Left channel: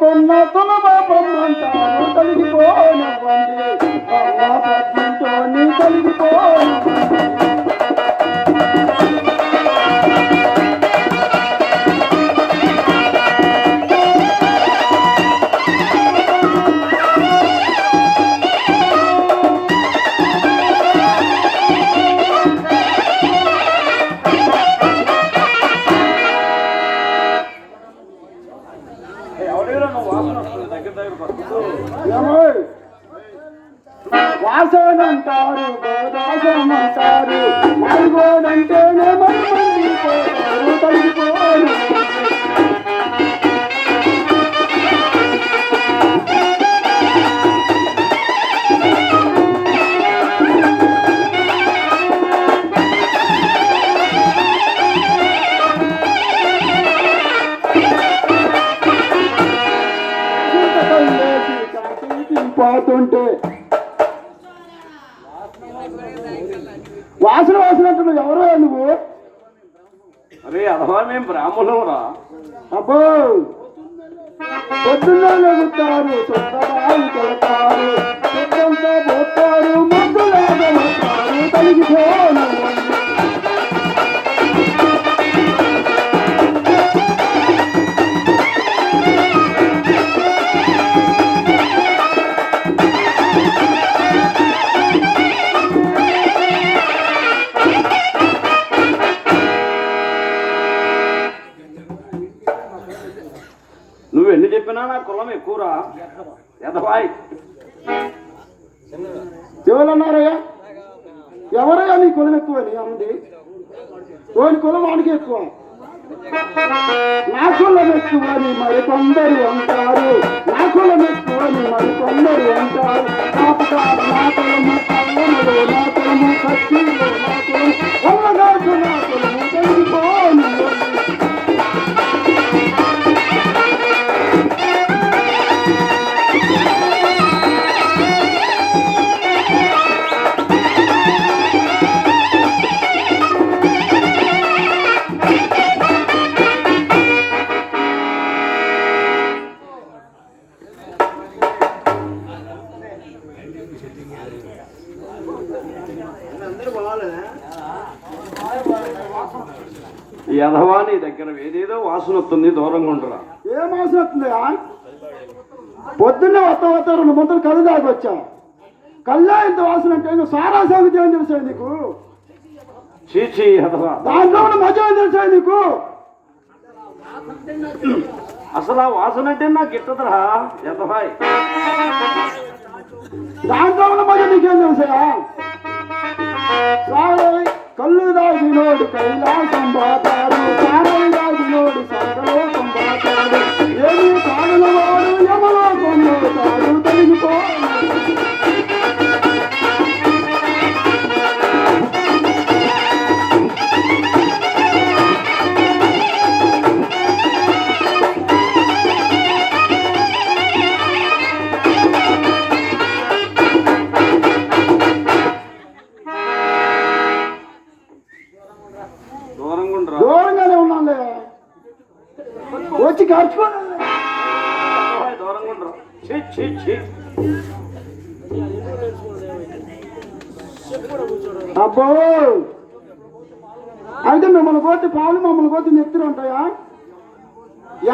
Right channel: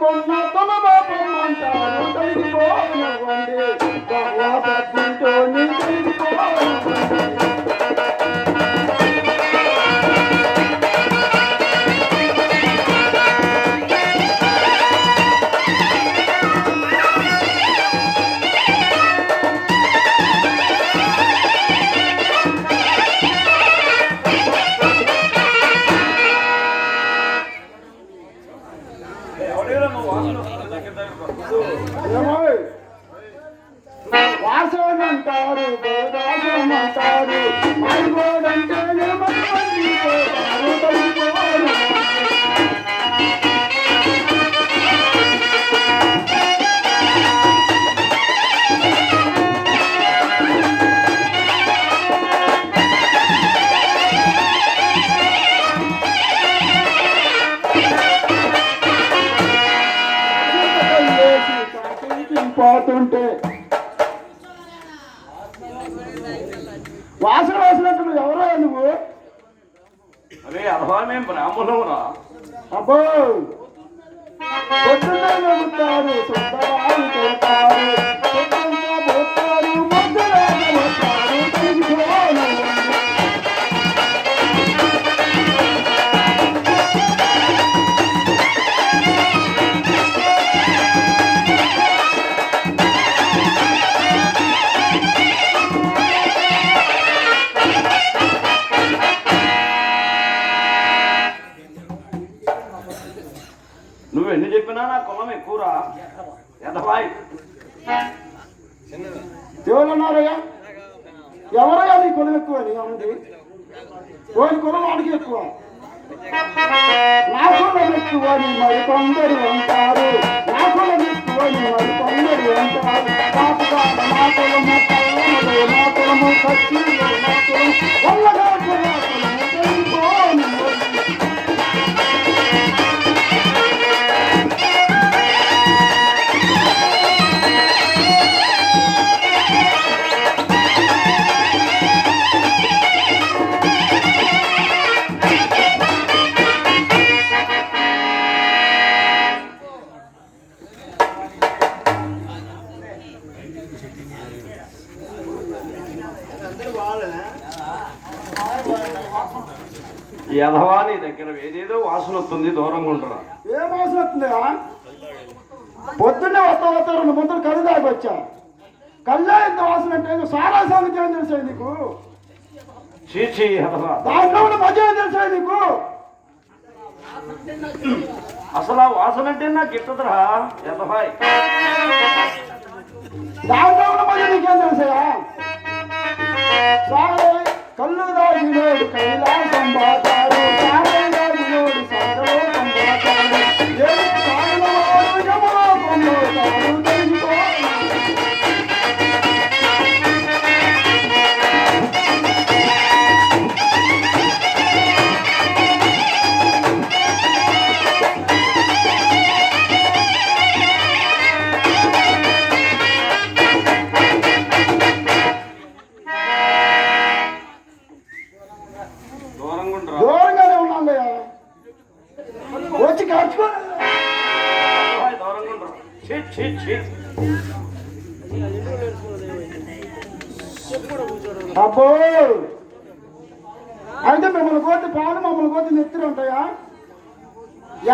కొన్న తులమంటారు తొలగిపోనివ్వండి తొలగిపోనివ్వండి. వాసన అంటారు గోదాసం అంటారు మారిగోడంటేనే మంది పోతారు తొలగిపోను. పోతుంటే వాసన వాసన అంటున్నావు. ఎవరో నువ్వు? అరే అలా మేము బ్రాహ్మణురా. అబ్బో పొద్దున్నే నవ్వుతారు సొంతగాలు కొడతారు సొంతంతా పోతారు ముద్దులాగలుతారు తొలగిపోను. నువ్వు ఎన్ని చెప్పినా నా కులం ఎక్కువరా ఎదవాయ్. ఎవరన్నారయ్యా? ఎవరయ్యా నీ కులం ఎక్కువ అని అంది? ఓని కులం వాడికి ఎక్కువ, నా కులం ఎక్కువ అని మరికొందరు అంటారు. నా కులం ఎక్కువ అని మరికొందరు అంటారు. నా కులము నా కులము ఖర్చు నా కులం తొలగిపోను. యధవా నీ దగ్గర ఏదేదో వాసన వస్తుంది, దూరంగా ఉండరా. ఏ వాసన వస్తుందా? పొద్దున్నే వస్తా 2 ముంతలు కళ్ళు దాకొచ్చా. కళ్ళే ఇంత వాసన అంటే సారా సంగతి ఏం తెలుసా నీకు? చీచి యధవా, దాంట్లో ఉన్న మధ్య ఏం తెలుసా నీకు? అసలు ఆ వాసన అంటే నాకు ఇట్టదురా యధవాయ్. దాంట్లో ఉన్న మధ్య నీకేం తెలుసా? కళ్ళు దాగినోడు కైలాసం పోతారు, సారం దాగినోడు సర్వలోకం పోతారు, ఏమి కాలిన వాడు యమలోకం పోతారు తొలగిపోను. దూరంగానే ఉన్నాలే, వచ్చి ఖర్చు. అబ్బో అయితే మిమ్మల్ని కోతి పాలు మమ్మల్ని కోతి నెత్తిరి ఉంటాయా?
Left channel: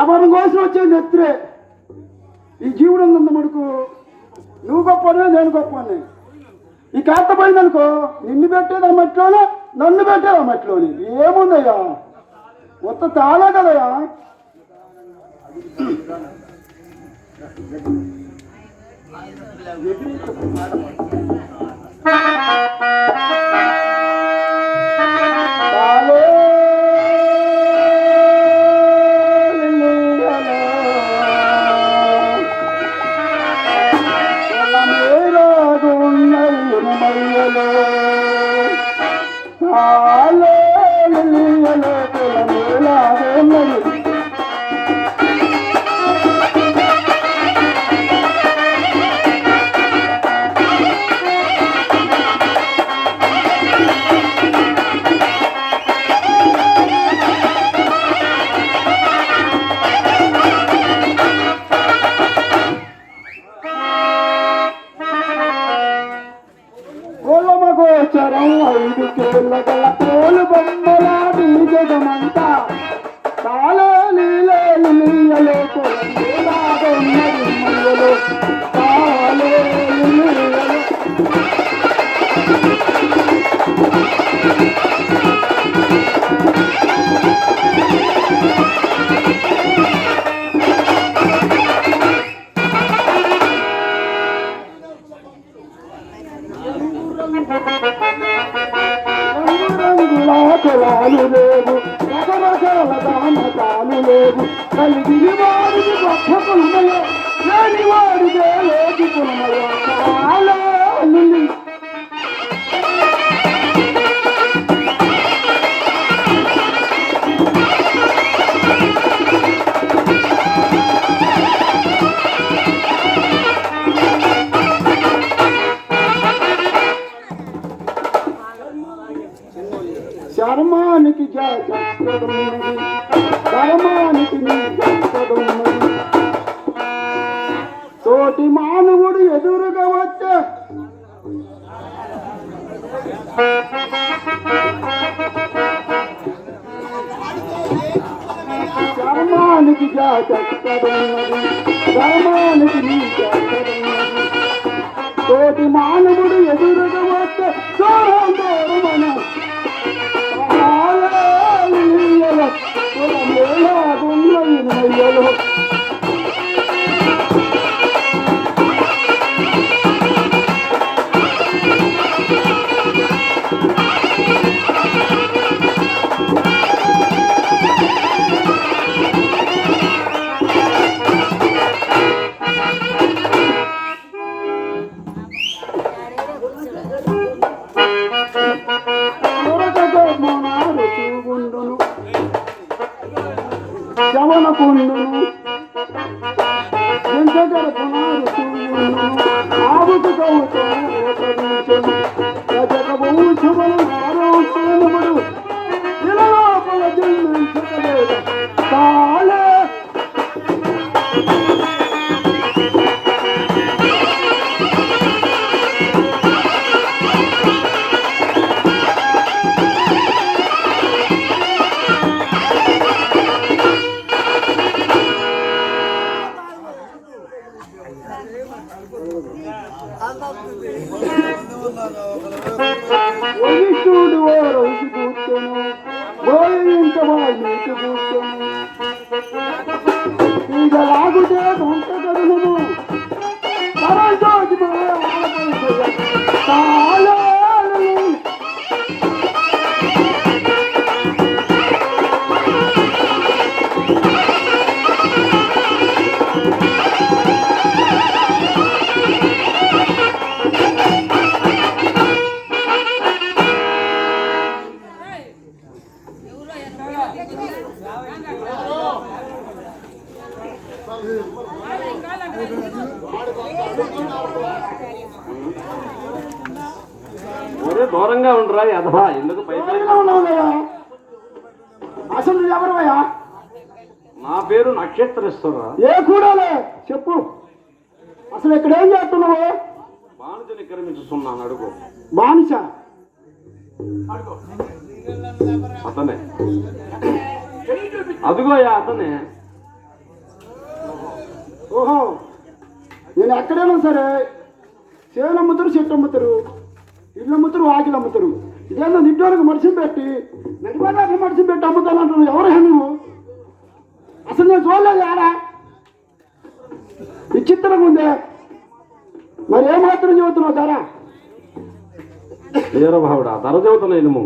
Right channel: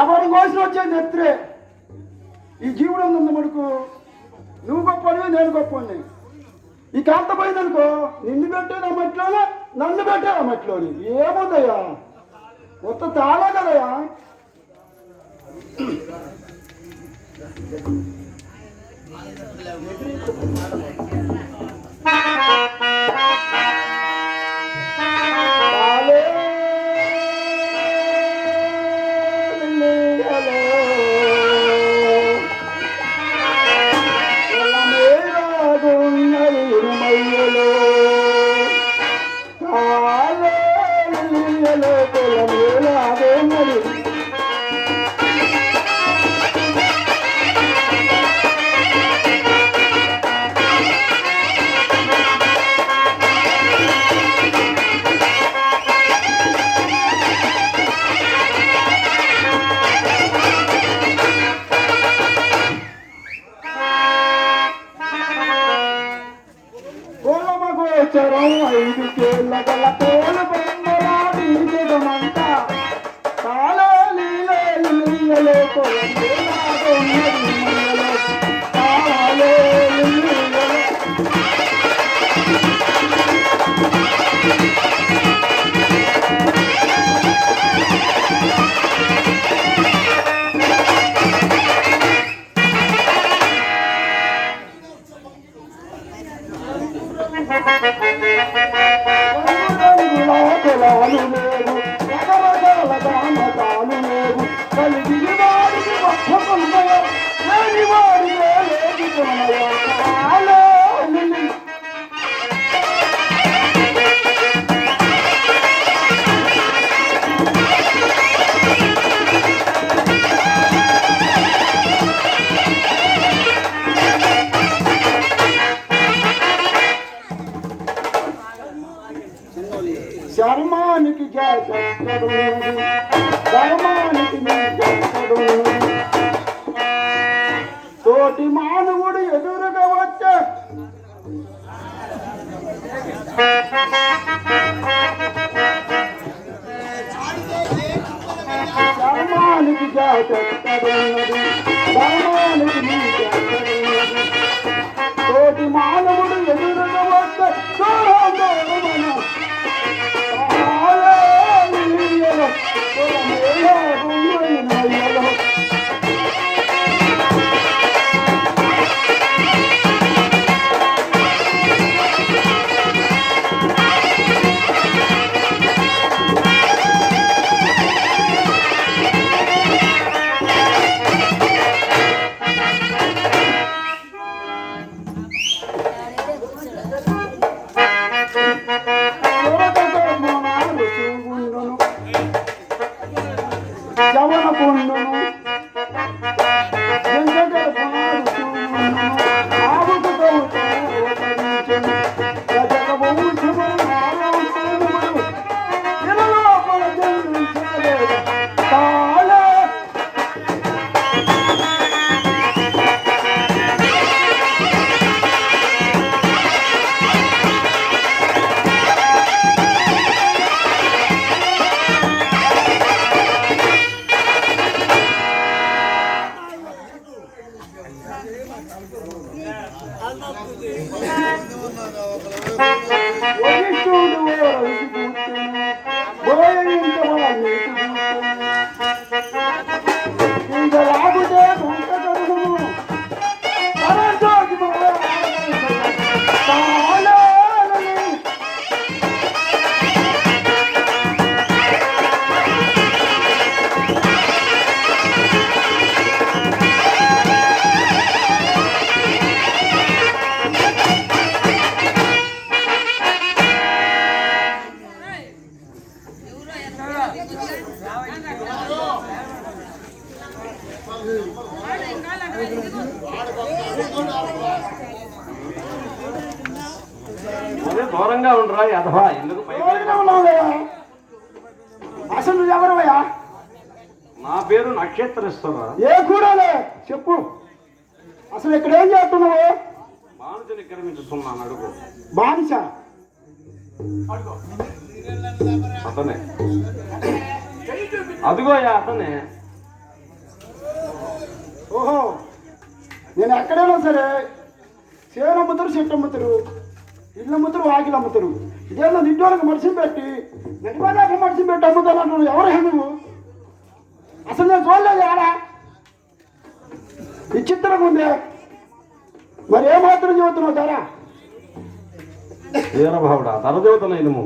ఎవరి కోసం వచ్చేది నెత్తిరే. ఈ జీవుడు ఉంది మడుకు, నువ్వు గొప్పనివే నేను గొప్పని. ఈ కాస్త పోయిందనుకో నిన్ను పెట్టేది ఆ మట్టిలోనే, నన్ను పెట్టేది ఆ మట్టిలోని. ఏముందయ్యా మొత్తం తాళే కదయ్యా. చాలు లేదు రకరకాల దాన చాలు లేదు కలిగి వాడికి గొప్ప కొనమయ లేని వాడికే లేదు కొనమయ చాలు శర్మానికి జాతడు ధర్మానికి జాతడు తోటి మానవుడు ఎదురుగా వచ్చే శర్మానికి జాతడు ధర్మానికి జాతడు తోటి మానవుడు ఎదురుగా వచ్చే మనం దూరంగా ఉండరా అధవా ఎందుకు అసలు ఎవరయ్యా? నా పేరు నక్షత్రేశ్వర. ఏ కూడాలే చెప్పు, అసలు ఇక్కడ ఏం చేస్తున్నావు? బానిసని విక్రమిస్తున్నాను. అడుగు. బానిస? అతనే. అదిగోయా అతనే. ఓహో, నేను ఎక్కడైనా సరే చేలు అమ్ముతారు, చెట్టు అమ్ముతారు, ఇల్లు అమ్ముతారు, వాకిలు అమ్ముతారు. ఇదేదో నింటోళ్ళకి మనిషిని పెట్టి నడిపాక మనిషిని పెట్టి అమ్ముతాను అంటున్నావు. ఎవరైనా నువ్వు? అసలు నేను చూడలేదు ఆడా. విచిత్రంగా ఉంది. మరి ఏ మాత్రం చెబుతున్నావు ధర? వీరభావుడా, ధర చెబుతున్నాను.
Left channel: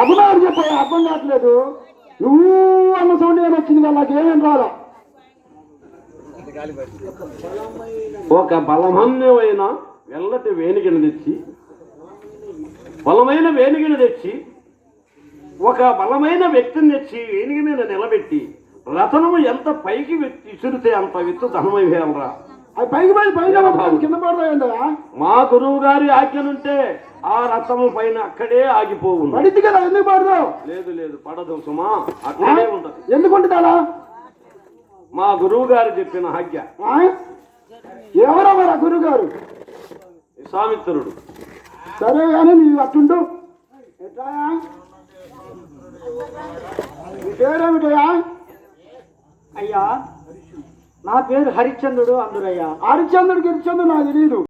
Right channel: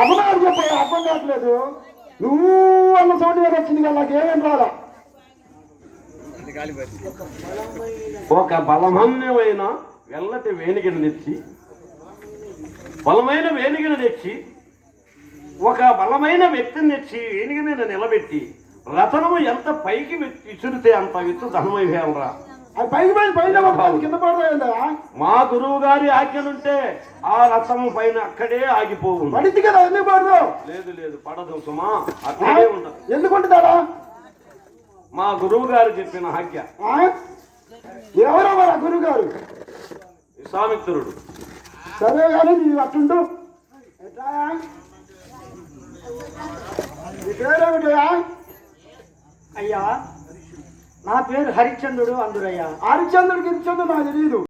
అభిమానం చెప్పే అర్థం కావట్లేదు. నువ్వు అన్న సౌండ్ గారు వచ్చింది కదా, నాకేమేం రాలా. ఒక బలమన్యమైన వెల్లటి వేణిగిని తెచ్చి, బలమైన వేణిగిని తెచ్చి, ఒక బలమైన వ్యక్తిని తెచ్చి వేణిగి మీద నిలబెట్టి రతనము ఎంత పైకి విసురితే అంత విత్తు ధనమైవేమరా. అది పైకి పైన కింద పడతాయందా? మా గురువు గారి ఆజ్ఞలుంటే ఆ రథము పైన అక్కడే ఆగిపోవు. పడిద్ది కదా, ఎందుకు పడదు? లేదు లేదు, పడదు సుమా, అక్కడే ఉండదు. ఎందుకుంటుందా? మా గురువు గారు చెప్పిన ఆజ్ఞ. ఎవరో మన గురువు గారు? విశ్వామిత్రుడు. సరే కానీ నీ అట్టుండు. ఎట్లా నీ పేరేమిటయా? అయ్యా, నా పేరు హరిశ్చంద్రుడు అందురయ్యా. హరిశ్చంద్రుడు గిరిచంద్రుడు నాకు తెలియదు.